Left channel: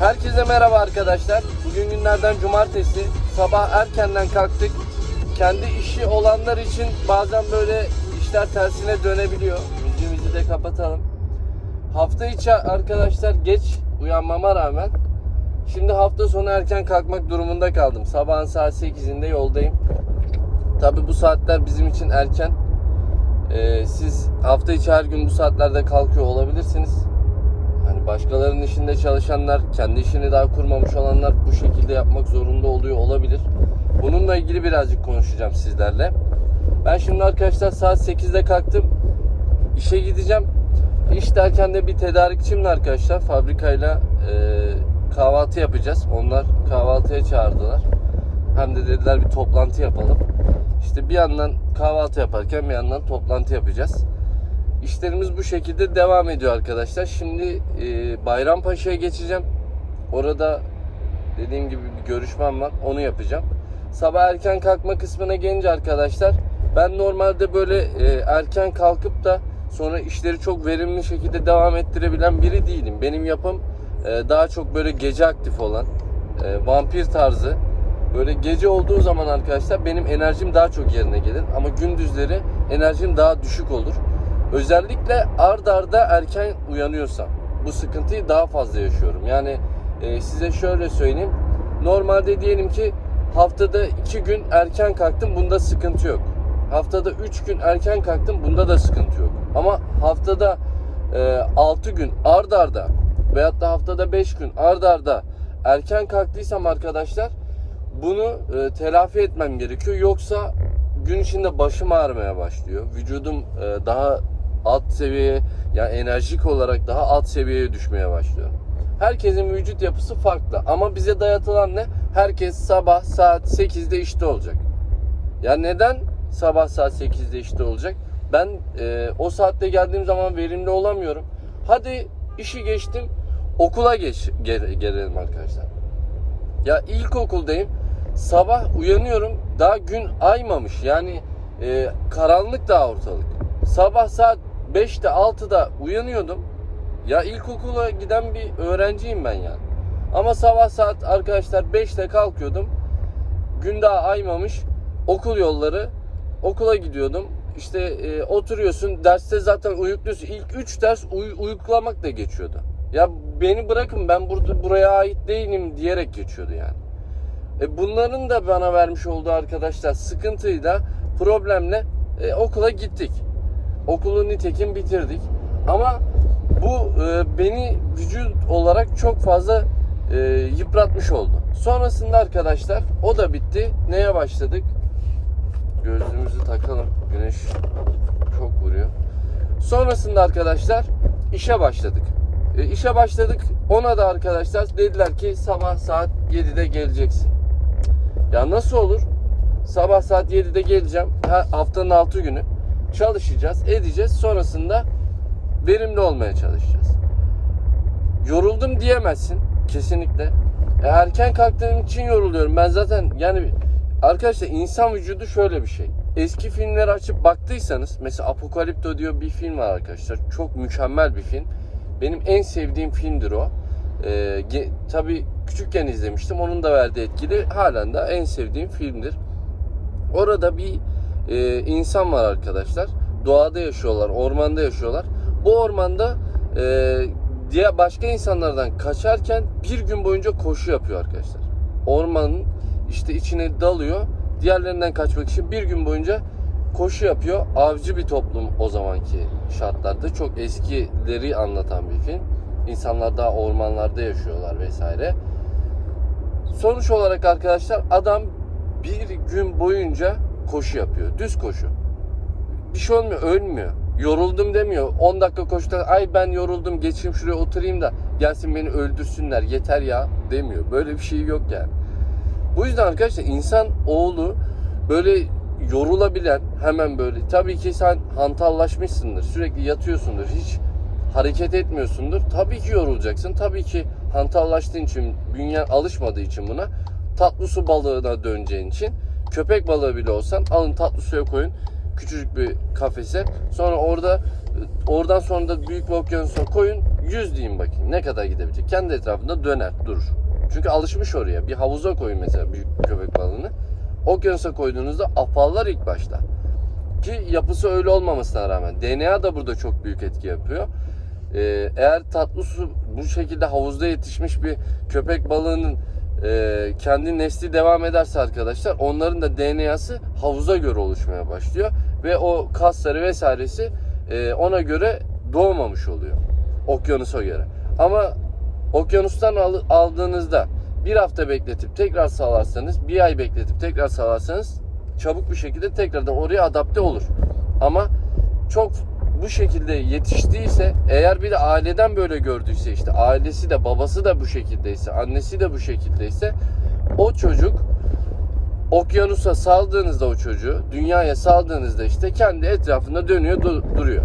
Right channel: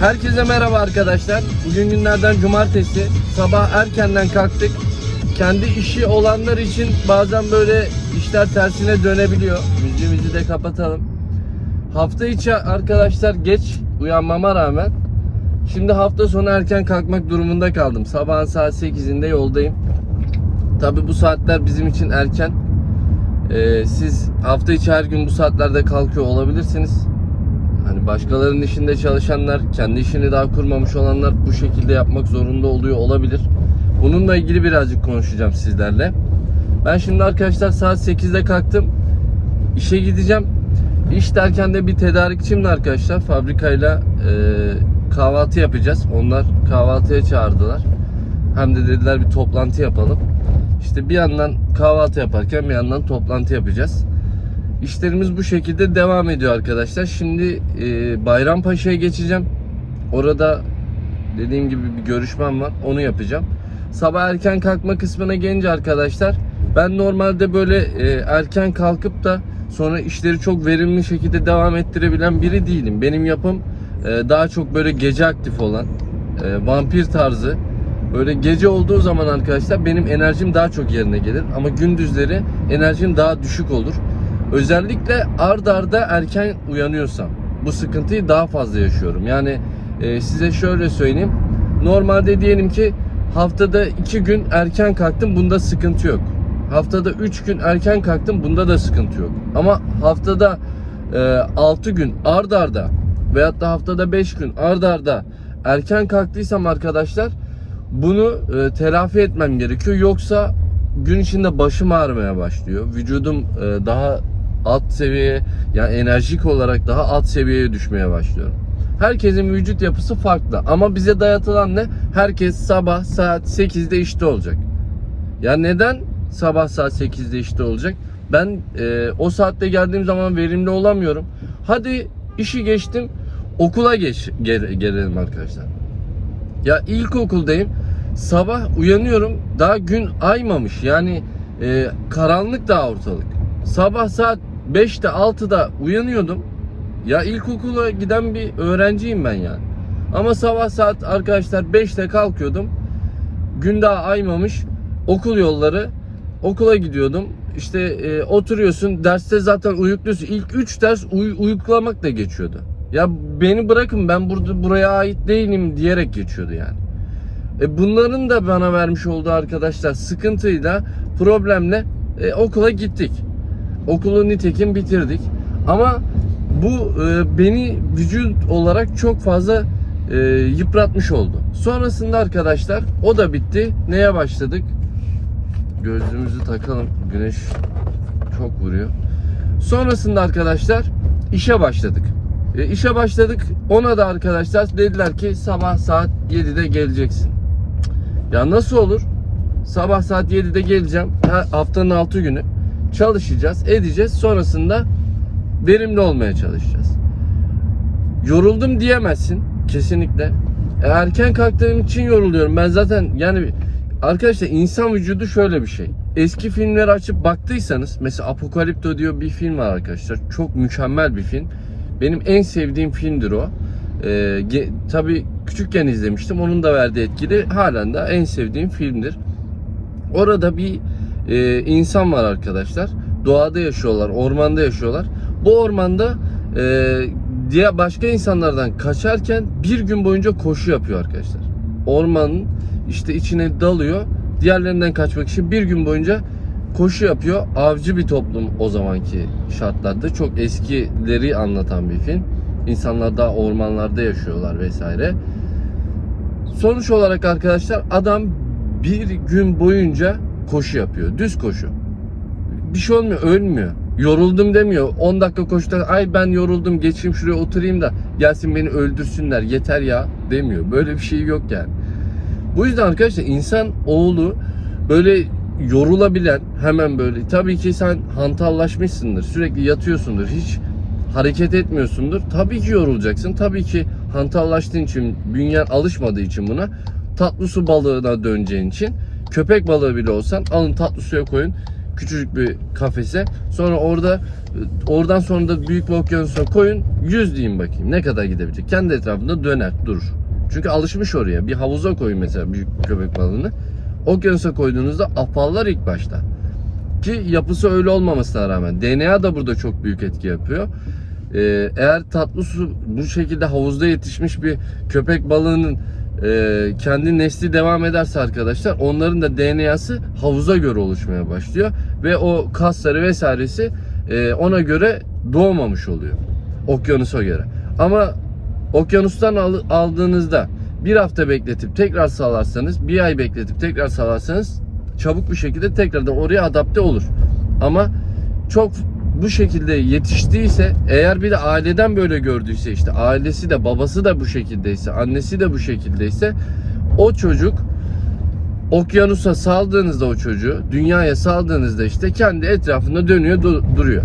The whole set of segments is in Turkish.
Herkese merhaba arkadaşlar. Bugün günlerden cumartesi. Sabah erkenden kalktık. Kendi işi olanlar için bazen böyle işler tersine dönebiliyor. Müziğimizi de kapatalım. Hafta içi arkadaşlar geç uyanmama rağmen şimdi hafta sonu erken kalkmak durumunda kaldım. Sabahın saat 8'inde yoldayım. Tabi bu saatler bizim için erken. Ee, siz hafta içi her gün bu saatlerde kalkıyor olabilirsiniz. Hani başkalarının işinde çalışanlar, kendi işini daha kurmamış olanlar bu şekilde yapmak zorunda oluyor olabilir. Bununla ilgili birazcık konuşacağım sizlerle. Ben şimdi arkadaşlar saat 8'de kalktım. İşe gideceğim. İş derken de bir tedarikçimle arkadaşlar fabrikayla e, kahvaltı yapacağız. Onlar kahvaltıya çağırdılar. Hem de dediler bir toplantı yapalım. İşte bir yandan kahvaltı yaparken bir yandan toplantı yapacağız. İşlerimiz bu şekilde devam ediyor arkadaşlar. Şimdi e, Bayrampaşa'ya geçeceğim. Orada dediğim gibi bir görüşmem var. Onu yapacağım. Sabah erken kalkma kısmına gelince arkadaşlar ben normalde böyle e, erken kalkıp da sonra işleri çok verimli şekilde devam ettirebilen biri değilim. Benim yapım e, daha çok böyle gece aktif olan e, vampir tarzı Böyle gece olduğu zaman arkadaşlar benim enerjim daha çok yerine gelir ama gündüzleri enerjim daha düşük olur. Özellikle ard arda erken uyanıyorsam bu sıkıntıyı daha fazla yaşıyorum. Yani e, size şöyle söyleyeyim. Normalde diyelim ki haftada 2 gün erken kalktım bunda sıkıntı yok. Haftada 3 gün erken kalktım bunda da sıkıntı yok. Ama haftada e, 6 gün ard arda veyahut da haftada 5 gün ard arda erken kalktıysam arkadaşlar bunu e, telafi etmem gerekiyor. Yoksa gün içinde başım ağrımaya başlıyor. Vücudum e, daha alt seviyeye yani enerjik olarak daha alt seviyeye düşmeye başlıyorum. Herkesin vücut yapısı farklı ama bize dayatılan ne? Herkes sabah saat 8'de işte olacak. Ya neden sabah saat 8'de işte olacak? Ben e, o saatte geldiğim zaman verimli olamıyorum. Hadi işi geçtim okula geç gel- gelelim arkadaşlar. Ya ilkokuldayım. Sabah uyanıyorum. Daha gün aymamış. Yani e, karanlık daha ortalık. Sabah saat 5'te 6'da uyanıyordum. Ya ilkokula giden bir öğrenciyim ben yani. Ama sabah saat arkadaşlar 5'te kalkıyordum. Gün daha aymamış. Okul yolları. Okula gidiyordum. İşte e, oturuyorsun. Derste zaten uyuklusun. İlk 3 ders uy- uyuklamak da geçiyordu. Ya beni bırakın ben burada buraya ait değilim diyerek geçiyordu yani. E bunların da bana vermiş olduğu arkadaşlar sıkıntıyla, problemle e, okula gittik. Okulu nitekim bitirdik. Ama bu e, beni vücut olarak çok fazla e, yıpratmış oldu. Sonrasında arkadaşlar o da bitti. Neye başladık? Gözlüğümüzü takalım. Güneş çok vuruyor. Sonrasında arkadaşlar işe başladık. E, işe başladık. Ona da arkadaşlar dediler ki sabah saat 7'de geleceksin. Ya nasıl olur? Sabah saat 7'de geleceğim. Her haftanın 6 günü çalışacağız, edeceğiz. Sonrasında verimli olmaya çalışacağız. Yoruldum diyemezsin kesinlikle. E, erken kalktığım için yoruluyorum. Ben zaten yani arkadaşlar insan vücudu şöyle bir şey. Eski filmleri açıp baktıysanız mesela Apokalipto diyor bir film var arkadaşlar. Çok mükemmel bir film. Benim en sevdiğim filmdir o. Ee, ge- tabii küçükken izlemiştim. Onun da verdiği etkili halen de en sevdiğim filmdir. Orada bir e, insan var arkadaşlar. Doğada yaşıyorlar, ormanda yaşıyorlar. Bu ormanda e, diğer başka insanlardan kaçarken bir gün boyunca koşu yapıyor arkadaşlar. Ormanın işte içine dalıyor. Diğerlerinden kaçmak için bir gün boyunca koşu yapıyor. Avcı bir toplum o zamanki şartlarda. Çok eskileri anlatan bir film. İnsanlar daha ormanlarda yaşıyorlar vesaire. Sonuç olarak arkadaşlar adam bir gün boyunca koşu yapıyor. Düz koşu. Bir şey olmuyor, ölmüyor. Yoruldum demiyor. 10 dakika koştu. Ay ben yoruldum geçeyim şuraya oturayım da gelsin beni öldürsünler yeter ya demiyor. Böyle bir şey yok yani. Bu yüzden arkadaşlar insan oğlu böyle yorulabilen hemen böyle tabii ki sen hantallaşmışsındır sürekli yatıyorsundur hiç hareket etmiyorsundur tabii ki yorulacaksın tabii ki hantallaştığın için bünyen alışmadığı için buna tatlı su balığına döneceğin için köpek balığı bile olsan alın tatlı suya koyun Küçücük bir kafese. Sonra orada oradan sonra da büyük bir okyanusa koyun. 100 diyeyim bakayım. Ne kadar gidebilecek? Kendi etrafında döner, durur. Çünkü alışmış oraya. Bir havuza koyun mesela büyük köpek balığını. Okyanusa koyduğunuzda afallar ilk başta. Ki yapısı öyle olmamasına rağmen. DNA da burada çok büyük etki yapıyor. Ee, eğer tatlı su bu şekilde havuzda yetişmiş bir köpek balığının e, kendi nesli devam ederse arkadaşlar onların da DNA'sı havuza göre oluşmaya başlıyor ve o kasları vesairesi e, ona göre doğmamış oluyor okyanusa göre. Ama okyanustan al- aldığınızda bir hafta bekletip tekrar sağlarsanız, bir ay bekletip tekrar sağlarsanız çabuk bir şekilde tekrardan oraya adapte olur. Ama çok bu şekilde yetiştiyse eğer bir de aileden böyle gördüyse işte ailesi de babası da bu şekildeyse annesi de bu şekildeyse o çocuk okyanusa saldığınızda o çocuğu dünyaya saldığınızda işte kendi etrafında dönüyor du- duruyor.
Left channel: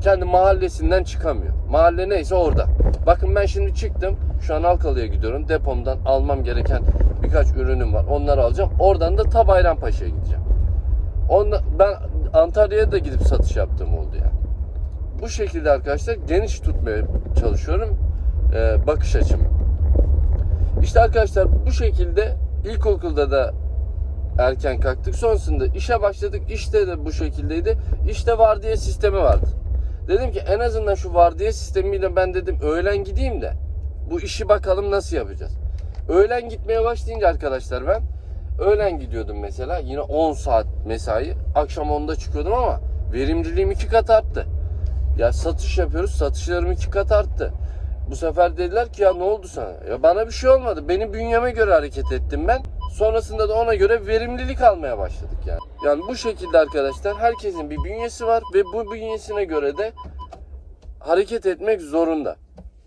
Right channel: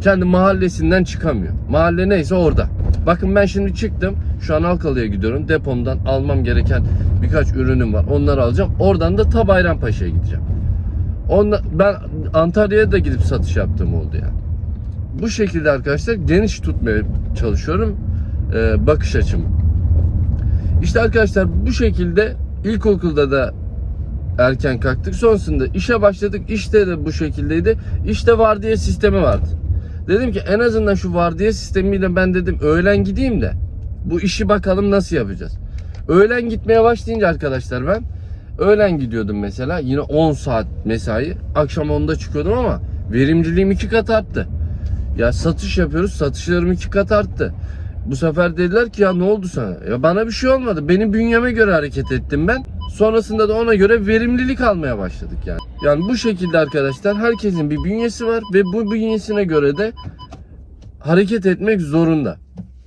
Kendi mahallesinden çıkamıyor. Mahalle neyse orada. Bakın ben şimdi çıktım. Şu an Alkalı'ya gidiyorum. Depomdan almam gereken birkaç ürünüm var. Onları alacağım. Oradan da ta Bayrampaşa'ya gideceğim. Onla, ben Antalya'ya da gidip satış yaptığım oldu yani. Bu şekilde arkadaşlar geniş tutmaya çalışıyorum e, bakış açımı. İşte arkadaşlar bu şekilde ilkokulda da erken kalktık. Sonrasında işe başladık. İşte de bu şekildeydi. İşte vardiya sistemi vardı. Dedim ki en azından şu vardiya sistemiyle ben dedim öğlen gideyim de bu işi bakalım nasıl yapacağız. Öğlen gitmeye başlayınca arkadaşlar ben öğlen gidiyordum mesela yine 10 saat mesai. Akşam 10'da çıkıyordum ama verimliliğim iki kat arttı. Ya satış yapıyoruz satışlarım iki kat arttı. Bu sefer dediler ki ya ne oldu sana? Ya bana bir şey olmadı. Benim bünyeme göre hareket ettim ben. Sonrasında da ona göre verimlilik almaya başladık yani. Yani bu şekilde arkadaşlar herkesin bir bünyesi var ve bu bünyesine göre de hareket etmek zorunda.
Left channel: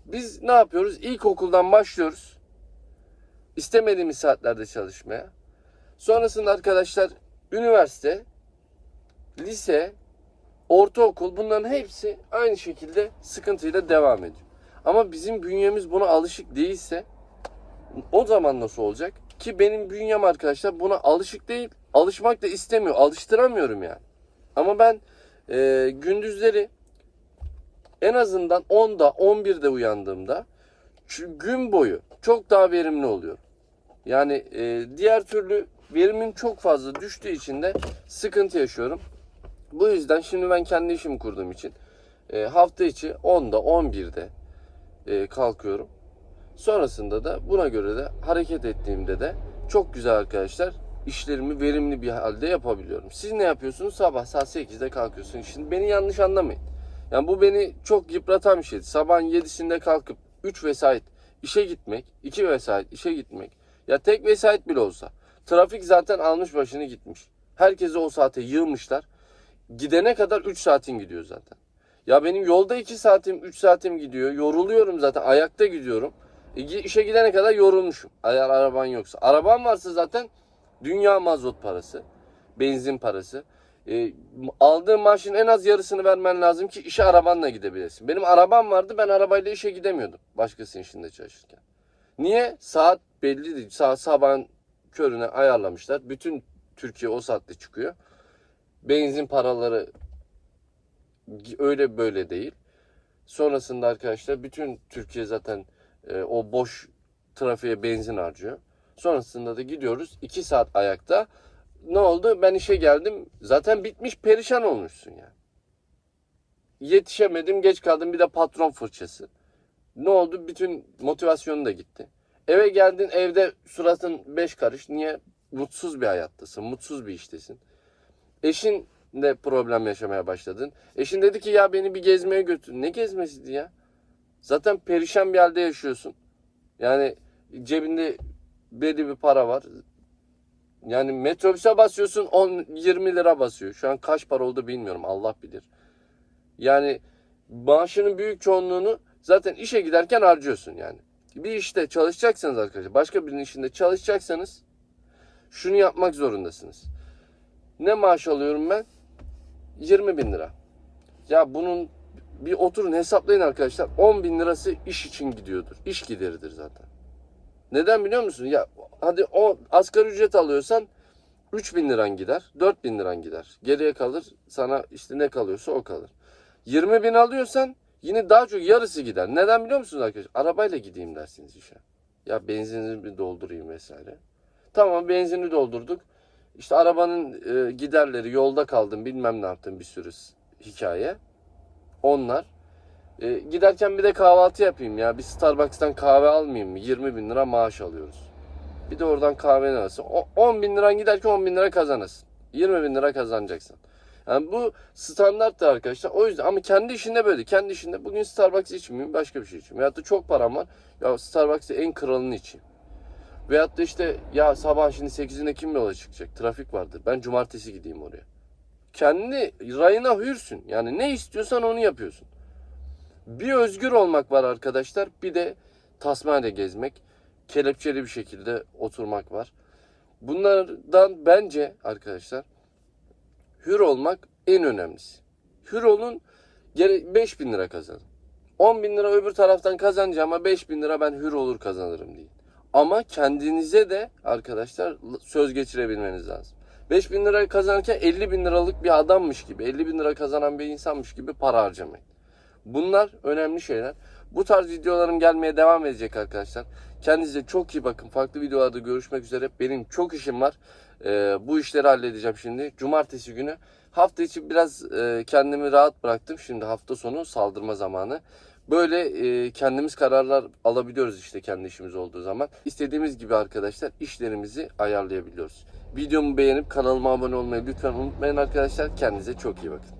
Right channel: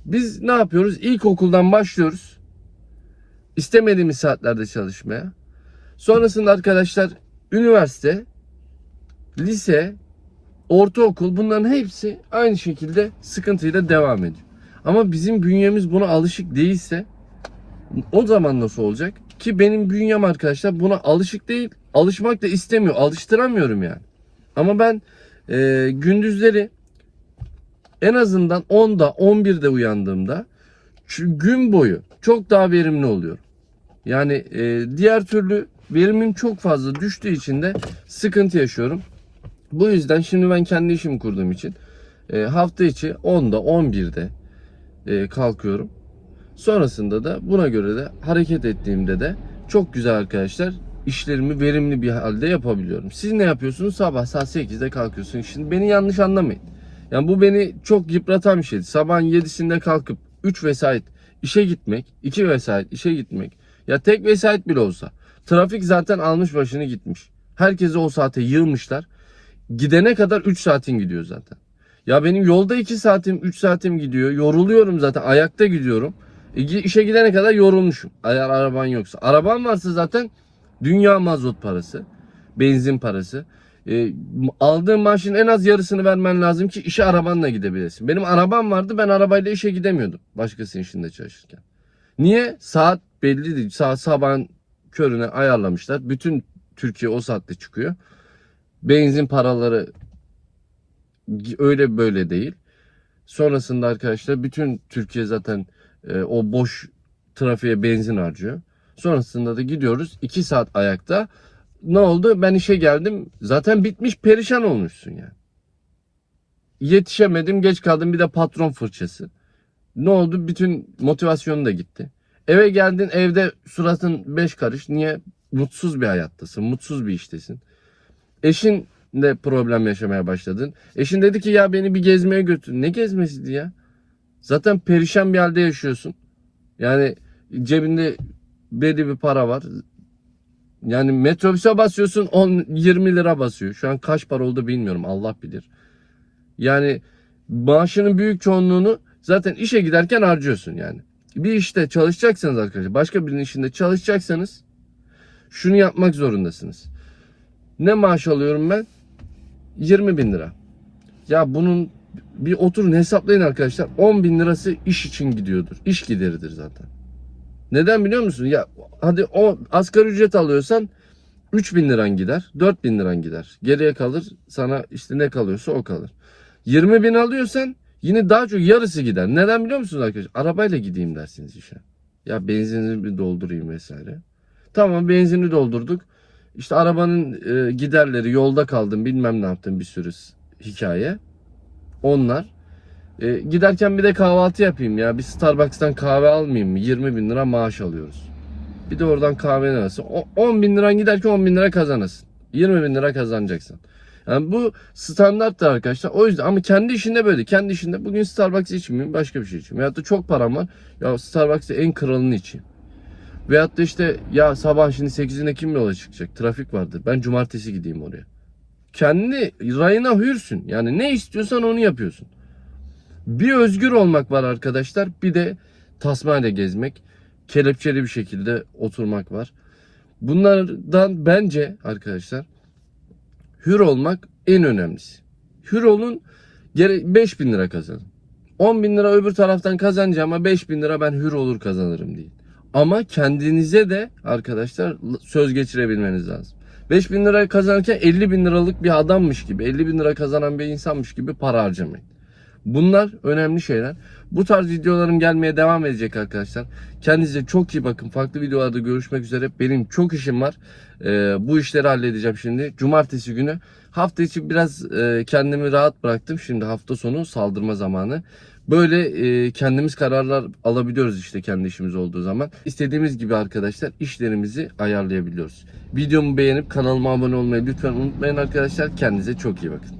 Biz ne yapıyoruz? İlkokuldan başlıyoruz. İstemediğimiz saatlerde çalışmaya. Sonrasında arkadaşlar üniversite, lise, ortaokul bunların hepsi aynı şekilde sıkıntıyla devam ediyor. Ama bizim bünyemiz buna alışık değilse o zaman nasıl olacak? Ki benim bünyem arkadaşlar buna alışık değil. Alışmak da istemiyor. Alıştıramıyorum yani. Ama ben e, gündüzleri en azından 10'da 11'de uyandığımda gün boyu çok daha verimli oluyorum. Yani e, diğer türlü verimim çok fazla düştüğü için de sıkıntı yaşıyorum. Bu yüzden şimdi ben kendi işimi kurduğum için e, hafta içi 10'da 11'de e, kalkıyorum. Sonrasında da buna göre de hareket ettiğimde de çok güzel arkadaşlar işlerimi verimli bir halde yapabiliyorum. Siz ne yapıyorsunuz? Sabah saat 8'de kalkıyorsunuz. Şimdi beni yanlış anlamayın. Yani bu beni çok yıpratan bir şeydi. Sabahın 7'sinde kalkıp 3 vesait işe gitmek, 2 vesait işe gitmek. Ya tek vesait bile olsa. Trafik zaten almış başını gitmiş. Herkesi o saate yığmışlar. Gidene kadar 3 saatin gidiyor zaten. Ya benim yolda 2 saatim 3 saatim gidiyor. Yoruluyorum zaten ayakta gidiyorum. E, işe gidene kadar yorulmuşum. Eğer araban yoksa. Araban varsa zaten dünya mazot parası. Benzin parası. E, aldığın maaşın en az yarısını vermen lazım ki işe arabanla gidebilesin. Benim arabam vardı ben arabayla işe gidemiyordum. Başkasının işinde çalışırken. Niye? Saat belli değil. Saat sabahın körüne ayarlamışlar. Bütün Türkiye o saatte çıkıyor. Benzin paraları öyle böyle değil. Sonrasında arkadaşlar bütün Türkiye zaten e, o boş trafiğe benzin harcıyor. Sonrasında da gidiyoruz 2 saat ayakta. Ne oldu? Ben işe geldim. Zaten bitmiş perişan olmuşsun yani. Yetişemedim, geç kaldım bir de patron fırçası. Ne oldu? Bütün motivasyonu da gitti. Eve geldin evde suratın beş karış. Niye? Mutsuz bir hayattasın, mutsuz bir iştesin. Eşin de problem yaşamaya başladın. Eşin dedi ki ya beni bir gezmeye götür. Ne gezmesiydi ya? Zaten perişan bir halde yaşıyorsun. Yani cebinde belli bir para var. Yani metrobüse basıyorsun 10 20 lira basıyor. Şu an kaç para oldu bilmiyorum. Allah bilir. Yani maaşının büyük çoğunluğunu zaten işe giderken harcıyorsun yani. Bir işte çalışacaksanız arkadaşlar, başka birinin işinde çalışacaksanız şunu yapmak zorundasınız. Ne maaş alıyorum ben? 20 bin lira. Ya bunun bir oturun hesaplayın arkadaşlar. 10 bin lirası iş için gidiyordur. İş gideridir zaten. Neden biliyor musun? Ya hadi o asgari ücret alıyorsan 3000 liran gider, 4000 liran gider. Geriye kalır sana işte ne kalıyorsa o kalır. 20 bin alıyorsan yine daha çok yarısı gider. Neden biliyor musunuz arkadaşlar? Arabayla gideyim dersiniz işe. Ya benzinini bir doldurayım vesaire. Tamam benzini doldurduk. İşte arabanın e, giderleri yolda kaldım bilmem ne yaptım bir sürü hikaye. Onlar. E, giderken bir de kahvaltı yapayım ya. Bir Starbucks'tan kahve almayayım mı? 20 bin lira maaş alıyoruz. Bir de oradan kahve arası. 10 bin liran giderken 10 bin lira kazanırsın. 20 bin lira kazanacaksın. Yani bu standarttır arkadaşlar. O yüzden ama kendi işinde böyle. Kendi işinde bugün Starbucks içmeyeyim başka bir şey içeyim. Veyahut da çok param var. Ya Starbucks'ta en kralını içeyim. Veyahut da işte ya sabah şimdi 8'inde kim yola çıkacak? Trafik vardır. Ben cumartesi gideyim oraya. Kendi rayına hürsün. Yani ne istiyorsan onu yapıyorsun. Bir özgür olmak var arkadaşlar. Bir de tasmayla gezmek. Kelepçeli bir şekilde oturmak var. Bunlardan bence arkadaşlar hür olmak en önemlisi. Hür olun gere 5 bin lira kazanın. 10 bin lira öbür taraftan kazanacağım ama 5 bin lira ben hür olur kazanırım deyin. Ama kendinize de arkadaşlar söz geçirebilmeniz lazım. 5 bin lira kazanırken 50 bin liralık bir adammış gibi, 50 bin lira kazanan bir insanmış gibi para harcamayın. Bunlar önemli şeyler. Bu tarz videolarım gelmeye devam edecek arkadaşlar. Kendinize çok iyi bakın. Farklı videolarda görüşmek üzere. Benim çok işim var. Ee, bu işleri halledeceğim şimdi. Cumartesi günü. Hafta içi biraz e, kendimi rahat bıraktım. Şimdi hafta sonu saldırma zamanı. Böyle e, kendimiz kararlar alabiliyoruz işte kendi işimiz olduğu zaman. İstediğimiz gibi arkadaşlar işlerimizi ayarlayabiliyoruz. Videomu beğenip kanalıma abone olmayı lütfen unutmayın arkadaşlar. Kendinize çok iyi bakın.